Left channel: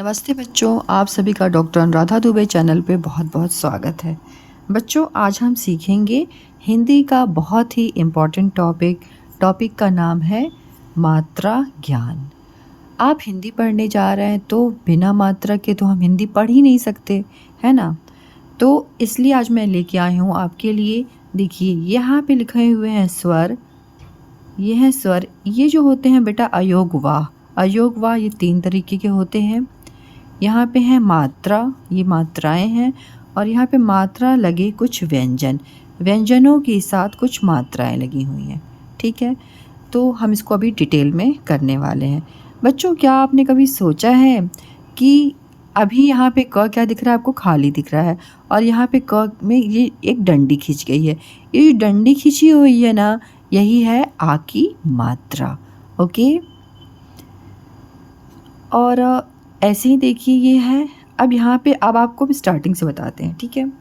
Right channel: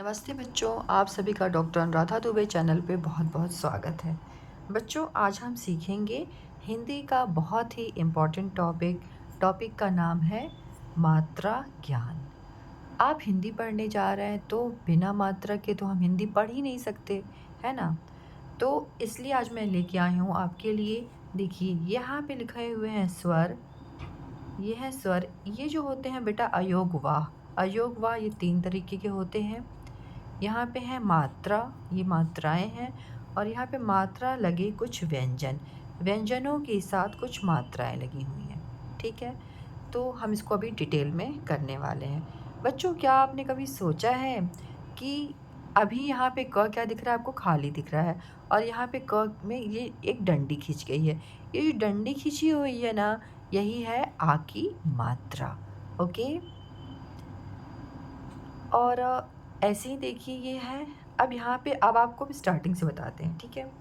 नमस्ते बच्चों, आप सभी का डॉक्टर अनुराधा दुबे चैनल पे बहुत बहुत स्वागत है। बच्चों, आज हम सीखेंगे हिंदी का बहुत ही इम्पॉर्टेंट टॉपिक का नाम है मात्रा ज्ञान। आप हिंदी पढ़ने जा रहे हैं तो बिना मात्रा के तो हम हिंदी पढ़ ही नहीं सकते, है ना। तो इसलिए आज मैं लेके आई हूँ आपके लिए। देखिए, यहाँ पे लिखे हुए हैं स्वर। ये हैं स्वर। ये जो होते हैं बेटा अयोगवाह। अयोगवाह ये 3 तरीके के होते हैं। यहाँ पे है मात्रा, ये मात्राएं हैं। और यहाँ पे मात्रा लगे कुछ व्यंजन, व्यंजनों के साथ कुछ मात्राएं लगी हुई हैं। ठीक है, तो हम इसको अभी डिटेल में करने वाले हैं। बच्चों, क्या आपने कभी सोचा है कि अभी यहाँ पे क क्या दिख रहा है आपको? खाली दिख रहा है। और यहाँ पे क में ये एक डंडी खींच गई है। ये जो डंडी खींची हुई है ना, यही है आ की मात्रा। ओके, और ऐसे ही देखिए ये है। अब यहाँ पे अब आपको भी स्टार्टिंग से बताते हैं, ठीक है।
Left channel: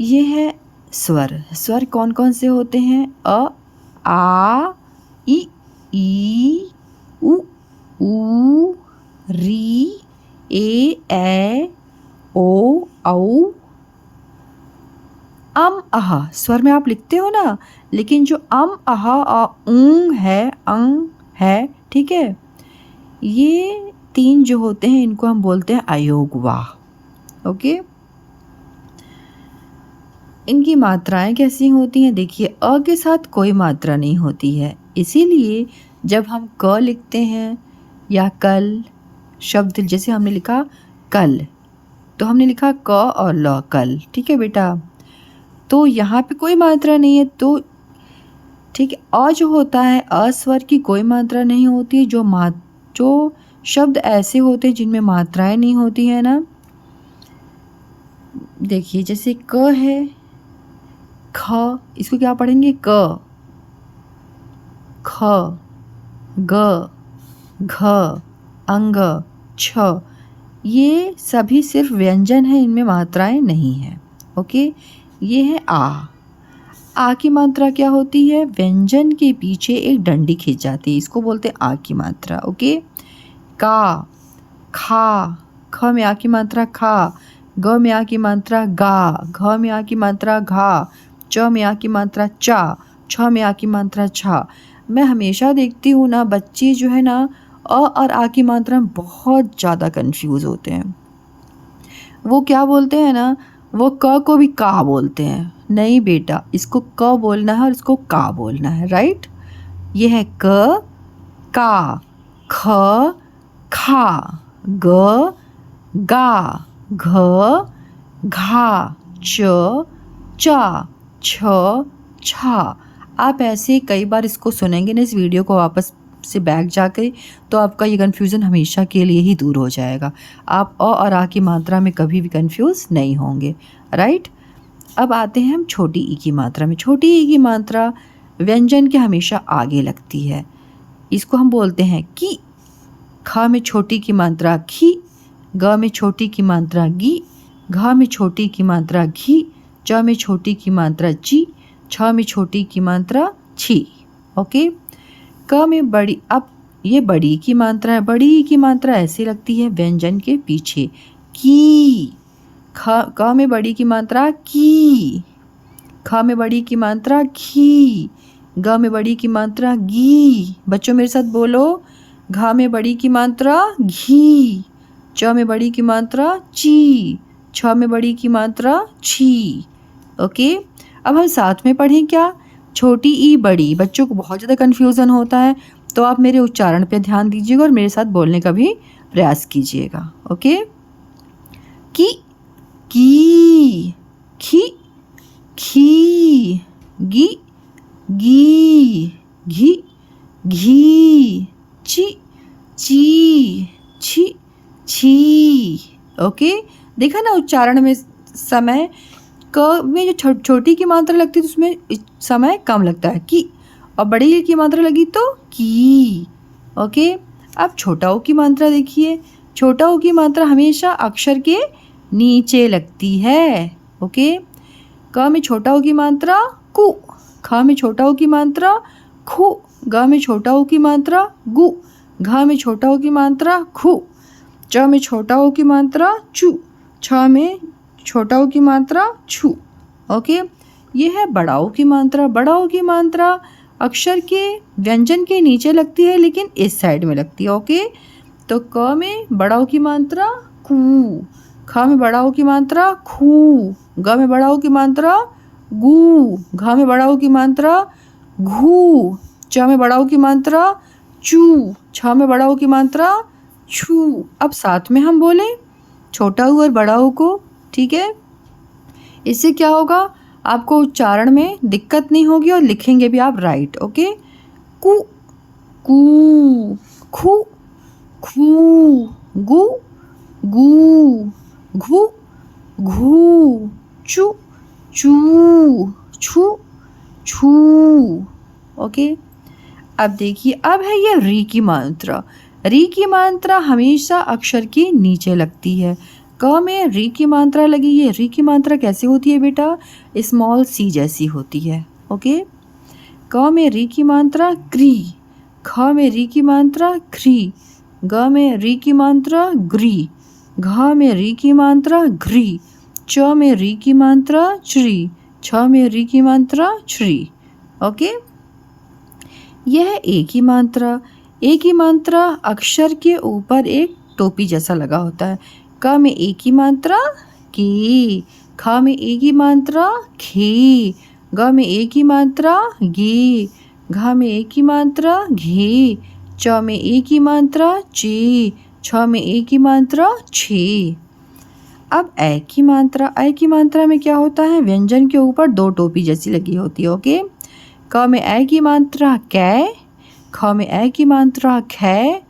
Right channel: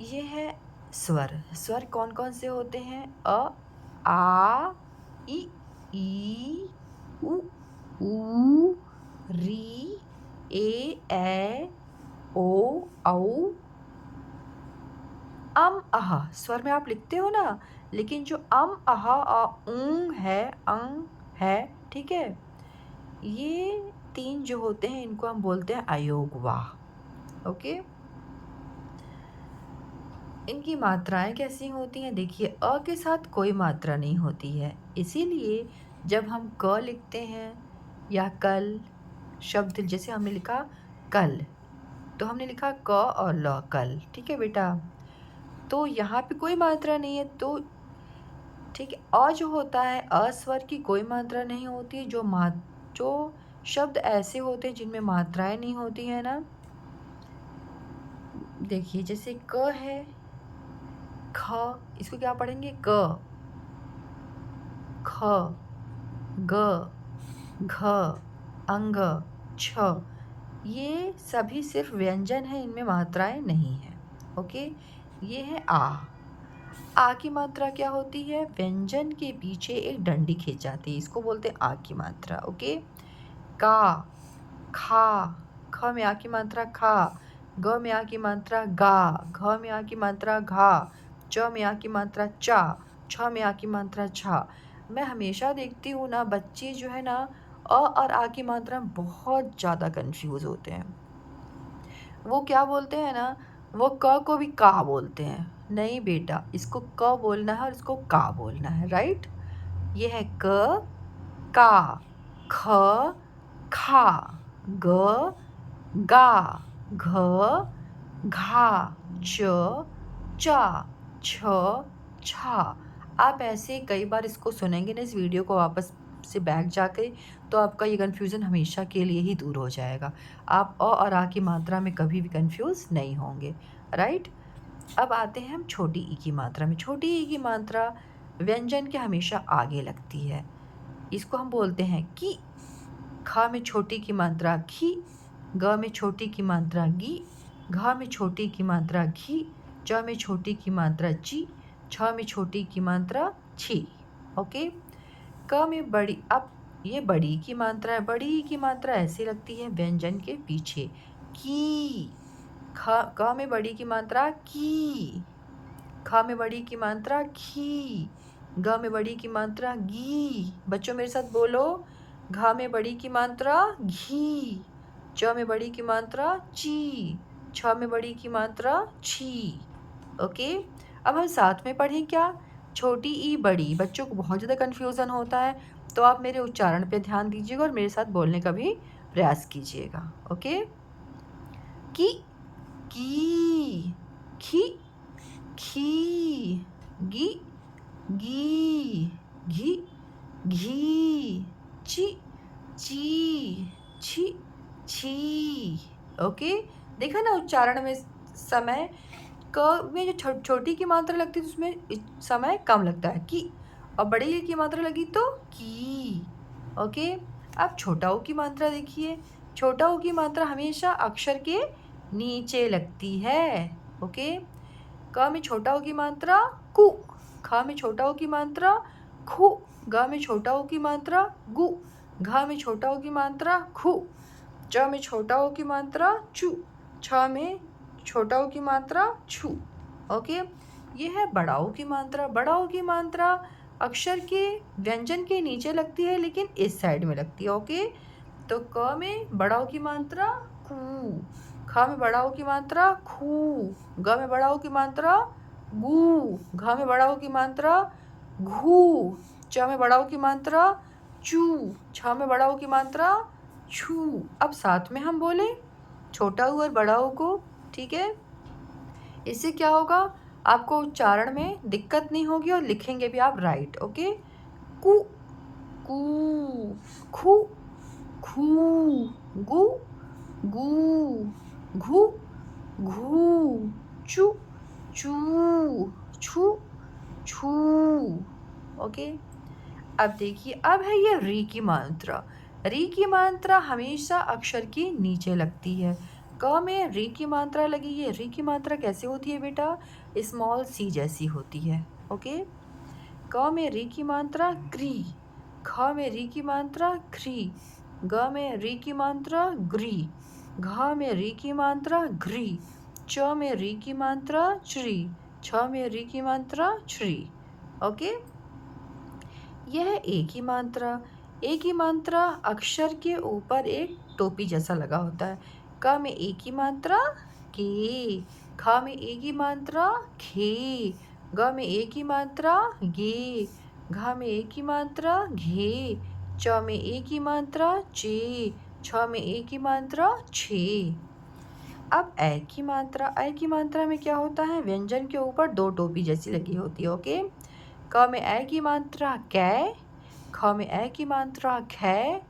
ये है स्वर। स्वर कौन कौन से होते हैं? अ, आ, ई, उ, ऊ, री, ए, ओ, औ, अह। स्वर में आप लिखते हो ना, लेकिन जो अह ऊं है, अंग है, ठीक है। ये 3 जो होते हैं इनको हम बोलते हैं अयोगवाह। ओके, इनकी मात्राएं कैसी होती हैं? देखिए, अ के साथ कोई मात्रा नहीं होती है, इसीलिए जब हम क लिखते हैं या कल शब्द, जैसे हमने लिखा कल, तो हमने लिखा क और ल, कल। ठीक है बेटा, तो यहाँ पे कोई मात्रा नहीं है, तो ठीक है। अ जो होता है, अ स्वर की कोई मात्रा नहीं होती। जो शब्द ऐसे होते हैं जिनमें मात्राएं नहीं होती है ना, देखिए जैसे क है, ख, इसको क्या पढ़ेंगे? क, ख, ग, घ, अंग, छ। ये सभी सिर्फ व्यंजन है, इनमें मात्राएं नहीं हैं। ओके, ये है आ की मात्रा क्या होती है? व्यंजन के पीछे एक डंडी खींच जाती है, इसको बोलते हैं आ की मात्रा। ओके, का, खा, ख में आ की मात्रा खा, ग में आ की मात्रा गा, घ में आ की मात्रा घा, च में आ की मात्रा चा, छ में आ की मात्रा छा। मैं हमेशा देखती हूँ ना, बच्चे जो है ना अ और आ की मात्रा में बहुत ज़्यादा कंफ्यूज होते हैं। वो क्या बोलते हैं ना, वो क को भी का बोलते हैं। नहीं बेटा, इसको क बोलना है और इसको का बोलना है, राइट। ये है क, का, ख, खा, ग, गा, घ, घा, च, चा, छ, छा। आप ऐसे कई बार इसको सुनेंगे ना, इस वीडियो को वापस से बैक जाकर, तो आपका ये कन्फ्यूज़न हमेशा के लिए ही दूर हो जाएगा। आप अ और आ की मात्रा में कभी भी कन्फ्यूज़ नहीं होंगे, राइट। अब आते हैं हम छोटी ई की मात्रा में। छोटी ई की मात्रा व्यंजन के हमेशा आगे लगती है, इसको हम बोलते हैं कि। ख में छोटी की मात्रा खी, ग में छोटी की मात्रा गी, घ में छोटी की मात्रा घी, च में छोटी की मात्रा ची, छ में छोटी की मात्रा छी। ओके, क में बड़ी, अब ये बड़ी की मात्रा है। बड़ी की मात्रा ऐसी लगती है व्यंजन के पीछे, की। क में बड़ी की मात्रा की, ख में बड़ी की मात्रा खी, ग में बड़ी की मात्रा गी। बच्चों मेरे साथ बोलो, घा में बड़ी की मात्रा घी, च में बड़ी की मात्रा ची, छ में बड़ी की मात्रा छी। ओके, अब हम साथ में पढ़ें क्या? छोटी ई बड़ी। बच्चों को बहुत ज़्यादा कन्फ्यूज़न होता है, तो आप मेरे उच्चारण पे ध्यान दीजिएगा और मेरे साथ बोलने का भी प्रयास कीजिएगा। ओके, की, खी, खी, गी, घी, घी, ची, छी, छी। ओके, देखा ना उच्चारण में समय, क में जो छोटी की मात्रा लगती है तो उसमें समय कम लगता है की, और बड़ी की मात्रा लगी तो की। ओके, अब छोटा ओ की मात्रा देखिए। छोटा ओ की मात्रा हमेशा अक्षर के नीचे लगती है। ओके, क में छोटा ओ की मात्रा कु, ख में छोटा ओ की मात्रा खु, ग में छोटा ओ की मात्रा गु, घ में छोटा ओ की मात्रा खु। च में छोटा ओ की मात्रा चू, छ में छोटा ओ की मात्रा छू। ओके, ये है बड़ा ओ की मात्रा। बड़ा ओ की मात्रा अक्षर के व्यंजन के नीचे लगती है लेकिन इस साइड में लगती है। ओके, तो क में बड़ा ओ की मात्रा कू, ख में बड़ा ओ की मात्रा खू, ग में बड़ा ओ की मात्रा गू, घ में बड़ा ओ की मात्रा घू, च में बड़ा ओ की मात्रा चू, छ में बड़ा ओ की मात्रा छू। अब साथ में हम बोलें छोटा ऊ और बड़ा ऊ को, ठीक है। इससे क्या होगा, आपको उच्चारण में दिक्कत नहीं होगी और लिखेंगे भी आप राइट। ओके, कू कू, खू खू, गू गू, घू घू, चू चू, छू छू। ओके, अब देखिए, अब है ये री की मात्रा। री की मात्रा हमेशा अक्षर के नीचे लगती है। क में री की मात्रा लगी है। री की मात्रा कैसे होती है बेटा, स्मॉल सी जैसी होती है। ओके, क में री की मात्रा क्री, ख में री की मात्रा ख्री, ग में री की मात्रा ग्री, घ में री की मात्रा घ्री, च में री की मात्रा च्री, छ में री की मात्रा छ्री। ओके, यह है ए की मात्रा। ए की मात्रा अक्षर के ऊपर एक टोपी जैसा लगा होता है। क में ए की मात्रा के, ख में ए की मात्रा खे, ग में ए की मात्रा गे, घ में ए की मात्रा घे, च में ए की मात्रा चे, छ में ए की मात्रा छे। अब ए की मात्रा। ए की मात्रा में क्या होता है, व्यंजन के ऊपर दो टोपी जैसी लगी होती है। ओके, क में ए की मात्रा कै, ख में ए की मात्रा खे,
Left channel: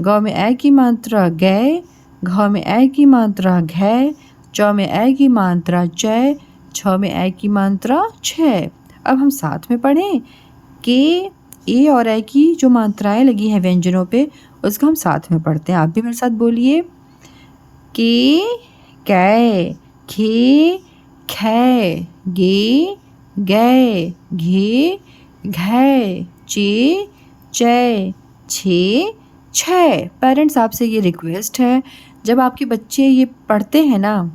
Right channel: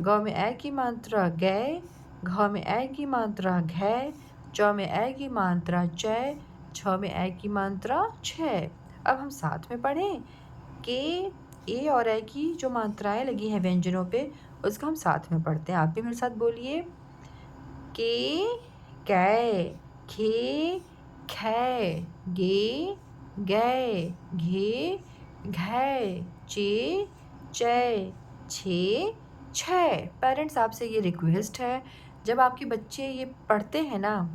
ग में ए की मात्रा गै, घ में ए की मात्रा घै, च में ए की मात्रा चै, छ में ए की मात्रा छः। अब हम साथ में पढ़ें के, ए और ए की जो मात्राएं लगी हैं व्यंजनों पे, उसको हम साथ में पढ़ते हैं। आप भी मेरे साथ बोलिए, के कै, खे खे, गे गै, घे घै, चे चै, छे छः। पेरेंट्स, आपसे ये रिक्वेस्ट है, जब आपके बच्चे ये पढ़ते हैं ना,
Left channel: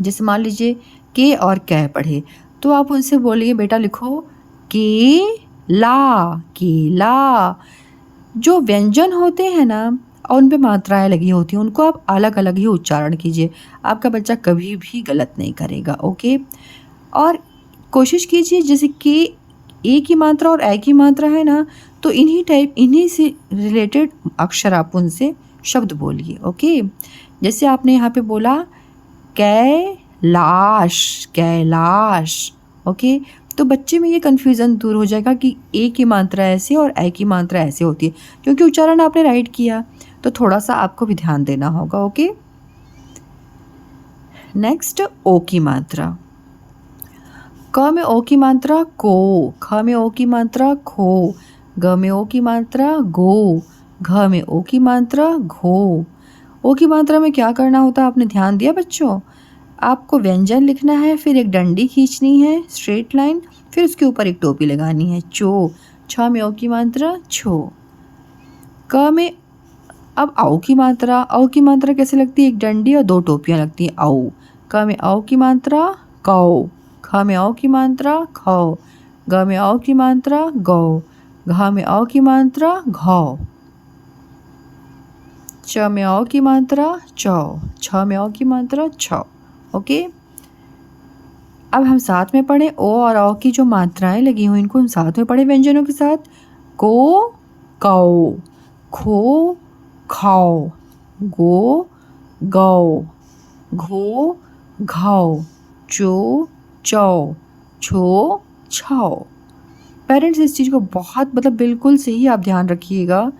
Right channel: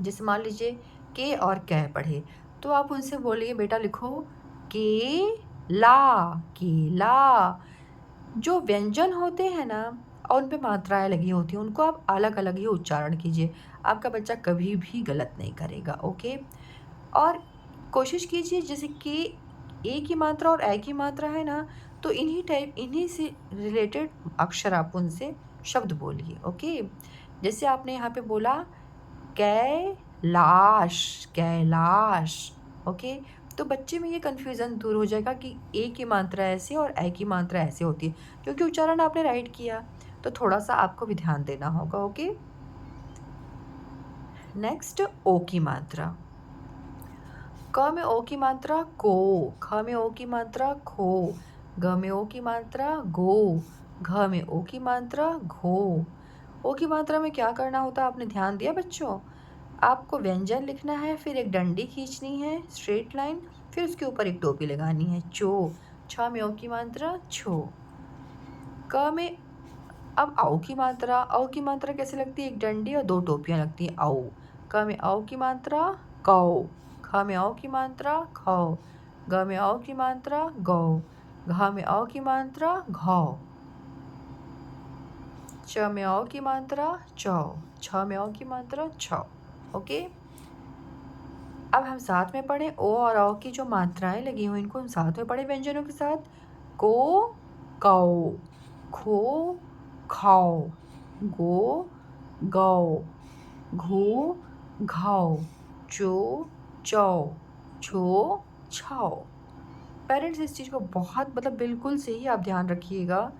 जैसे मान लीजिए के और कै पढ़े, तो आप उनसे बोलिए बेटा लिखो केला, केला। जो व्यंजन होते हैं ना और उन पे मात्राएं लगी होती हैं, उनको आप अलग अलग ही उच्चारण कीजिए। आपका बच्चा कभी भी गलत नहीं करेगा। ओके, और कोशिश कीजिए जैसे कि ए की मात्रा और ए की मात्रा है ना, तो इन्हीं से रिलेटेड अक्षर आप उनसे शब्द बोलिए। ओके, जैसे आपने यहाँ पे बोला कैलाश, कैलाश। ओके, तो बच्चे में ये कन्फ्यूज़न दूर हो जाएगा कि ए की मात्रा ऐसे और ए की मात्रा ऐसे होती है, क्योंकि उच्चारण आपने राइट किया, तो थोड़ा सा आपको भी ध्यान देना होगा। ओके, नेक्स्ट ओ की मात्रा। क में ओ की मात्रा को, ख में ओ की मात्रा खो, ग में ओ की मात्रा गो, घ में ओ की मात्रा घो। ओ की मात्रा में क्या करना होता है, आपने ध्यान दिया बच्चों? आपको व्यंजन लिखना है, फिर एक डंडी खींचनी है स्ट्रेट लाइन, फिर उसके ऊपर एक टोपी लगानी है चो। छ में ओ की मात्रा छो। क में अब औ की मात्रा। औ की मात्रा कैसे लगती है, एक डंडी और दो टोपियाँ लगती हैं औ। क में औ की मात्रा कौ, ख में औ की मात्रा खौ, ग में औ की मात्रा गौ, घ में औ की मात्रा घौ, च में औ की मात्रा चौ, छ में औ की मात्रा छौ। ओके, अब हम साथ में पढ़ें ओ और औ की जो मात्राएं लगी हुई, इनको हम साथ में पढ़ें व्यंजनों के साथ। को कौ, खो खाओ, गो गौ, घो घाओ, चो चौ, छो छाओ। पेरेंट्स, इस चीज़ को बहुत बिल्कुल से ही आप ध्यान रखिएगा।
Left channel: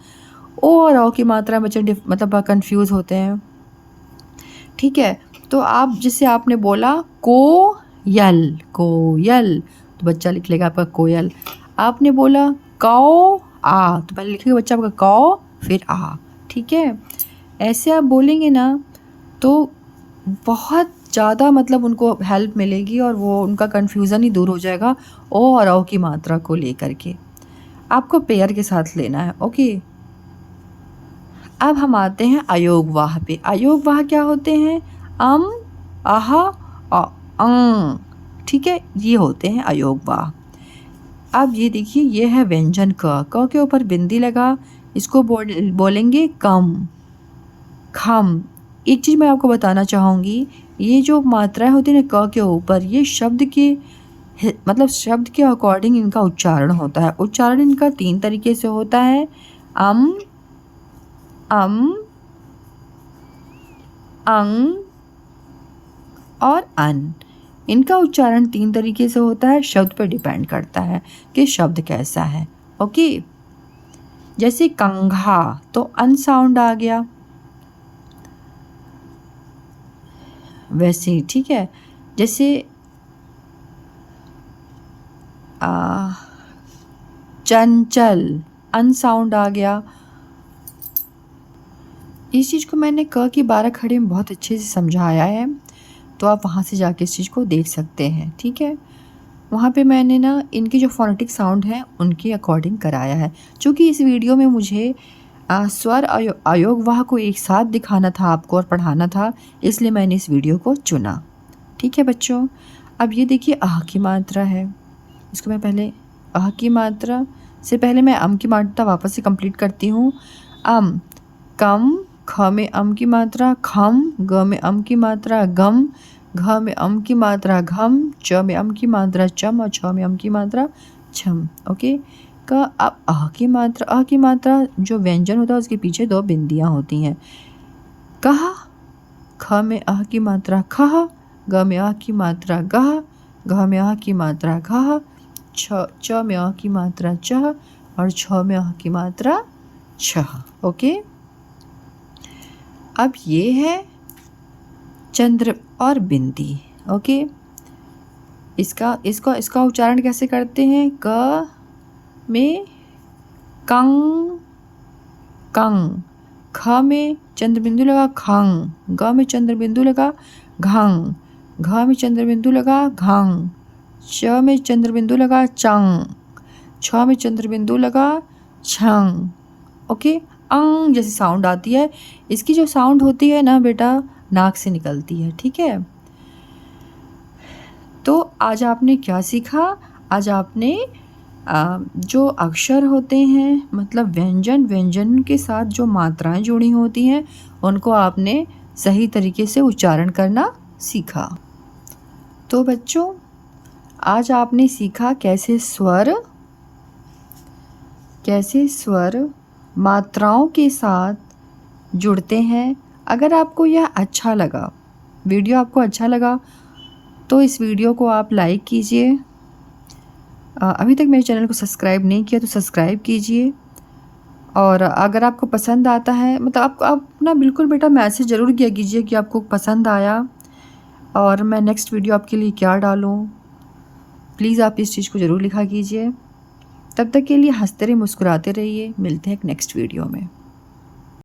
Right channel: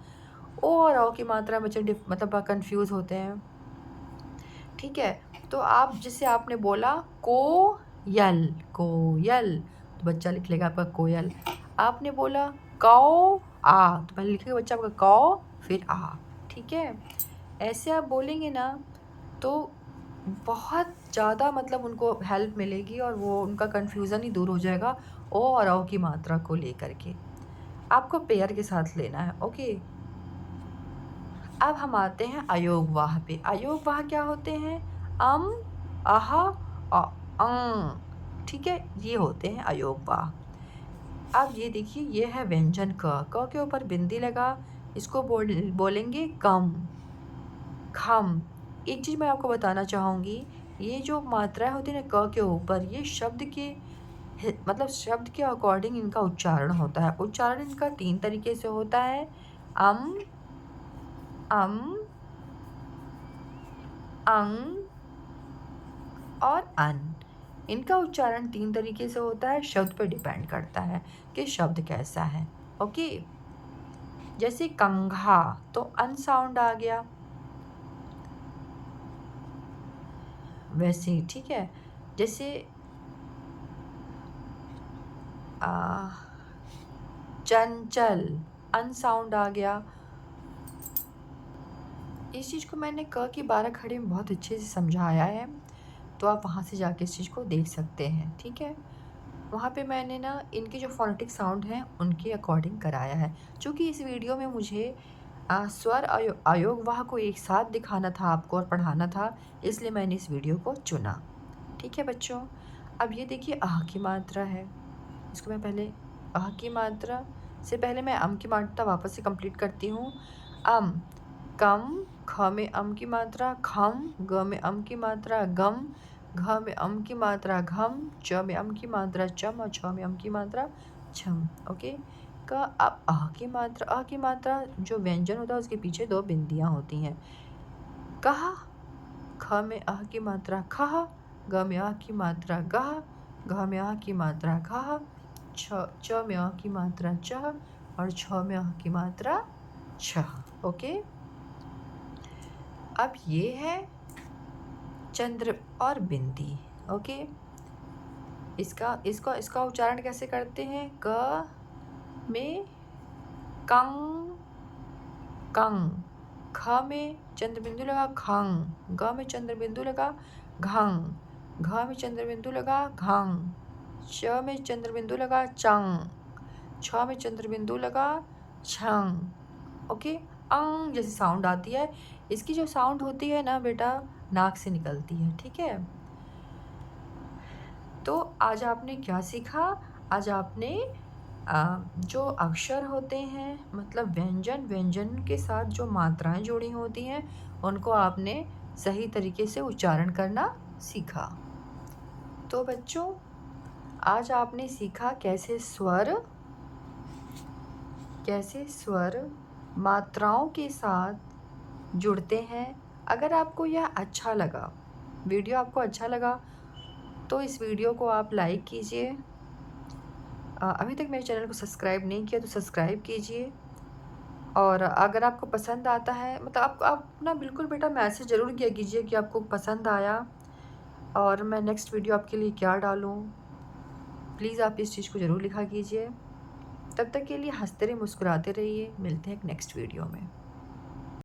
ओ और औ की मात्रा बच्चे कंफ्यूज होते हैं। ठीक है, तो आप जिससे आपने बोला कोयल, कोयल, तो बच्चा लिख लेगा आपका कोयल। आपने बोला कौ आ, तो पहले लिखेगा बच्चा आपका कौ फिर आ। ठीक है, ऐसे आप बोलेंगे ना तो बहुत ज़्यादा उनको हेल्प मिलेगी और वो उनका कन्फ्यूज़न ही दूर हो जाएगा ओ और औ की मात्रा को लेकर के। आपको पेयर के साथ लेना है। ओके, अब हम आते हैं अयोगवाह पे। अयोगवाह क्या होते हैं? अम, आह और अंग, ठीक है, ये होते हैं अयोगवाह। अब ये देखिए, ये है व्यंजन क के ऊपर बिंदी लगा, इसको बोलेंगे कम, खम। एक चीज़ मैं आपको बताना चाहूँगी, ये जो मात्राएं होती हैं ना क के ऊपर, ये शब्द के मतलब शब्द के अकॉर्डिंग इनका उच्चारण होता है। उच्चारण इनका 3 तरीके से होता है, अम, अंग और अन। इनका उच्चारण 3 तरीके से होता है, शब्द पर डिपेंड करता है कि शब्द कैसा है। ओके, जैसे कंघा तो अन साउंड आ गया, वैसे ही, ठीक है। जैसे चंचल, अन साउंड आ गया। इस चीज़ को मैंने क की 12 खड़ी में बहुत अच्छे से समझाया है, तो आप वहाँ से जाके इस चीज़ को देख सकते हैं, ठीक है। वहाँ पे मैंने ना इनके जो फोनेटिक साउंड हैं उनके अकॉर्डिंग कराया है। चूँकि इस वीडियो में मुझे स्वर अयोगवाह को एक साथ दिखाना था आपको और पढ़ाना था, इसलिए मैंने इस वीडियो को चुना, ठीक है बच्चों। अब ये देखिए आह की मात्रा है, इसको मैं पहले आह की मात्रा से पहले मैं अम की मात्रा वापस से कंप्लीट करती हूँ। अम, कम, ख में अम की मात्रा खम, ग में अम की मात्रा गम, घ में अम की मात्रा घम, च में अम की मात्रा चम और छ में अम की मात्रा छम। ओके, का अब आह की मात्रा जो व्यंजन होता है उसके पीछे 2 बिंदियाँ होती हैं। कहा, ख में आह की मात्रा खह, ग में आह की मात्रा गह, घ में आह की मात्रा घह, च में आह की मात्रा चह और छ में आह की मात्रा छह। ओके, अब ये है चंद्र और बिंदी। ओके, इसका उच्चारण कैसे करते हैं? क में कंग, कंग, ख में चंद्र बिंदु लगा खंग, ग में चंद्र बिंदु लगा घंग, घ में चंद्र बिंदु लगा घंग, च में चंद्र बिंदु लगा चंग, छ में चंद्र बिंदु लगा छंग। ओके, अंग जैसी साउंड आती है, इसकी जो साउंड होती है ना बेटा, नाक से निकलती है, ठीक है। तो आज आपने क्या सीखा? आज आपने जो अक्षर होते हैं, मतलब व्यंजन के साथ जो मात्राएं जुड़ी होती हैं, उनको आपने सही तरीके से उच्चारण करना सीखा। तो बच्चों, आज आपने सीखा कैसे स्वर मात्राओं के साथ जुड़ते हैं। अगर आपको यह अच्छा लगा, वीडियो आपको अच्छा लगा, तो इस वीडियो को आप लाइक कीजिए। अभी तक मेरे चैनल को सब्सक्राइब नहीं किया तो सब्सक्राइब कीजिए। और अगर आपको पसंद आता है, मतलब आप ना बिल्कुल बेटा मैसेज ज़रूर किया कीजिए कि आपको पसंद आया और मैं नेक्स्ट वीडियो आपके लिए क्या डालूँ। प्लीज़ आप इस चीज़ को ज़रूर लिखा कीजिए। तब तक के लिए हंसते रहिए, मुस्कुराते रहिए। मिलते हैं एक नेक्स्ट वीडियो में।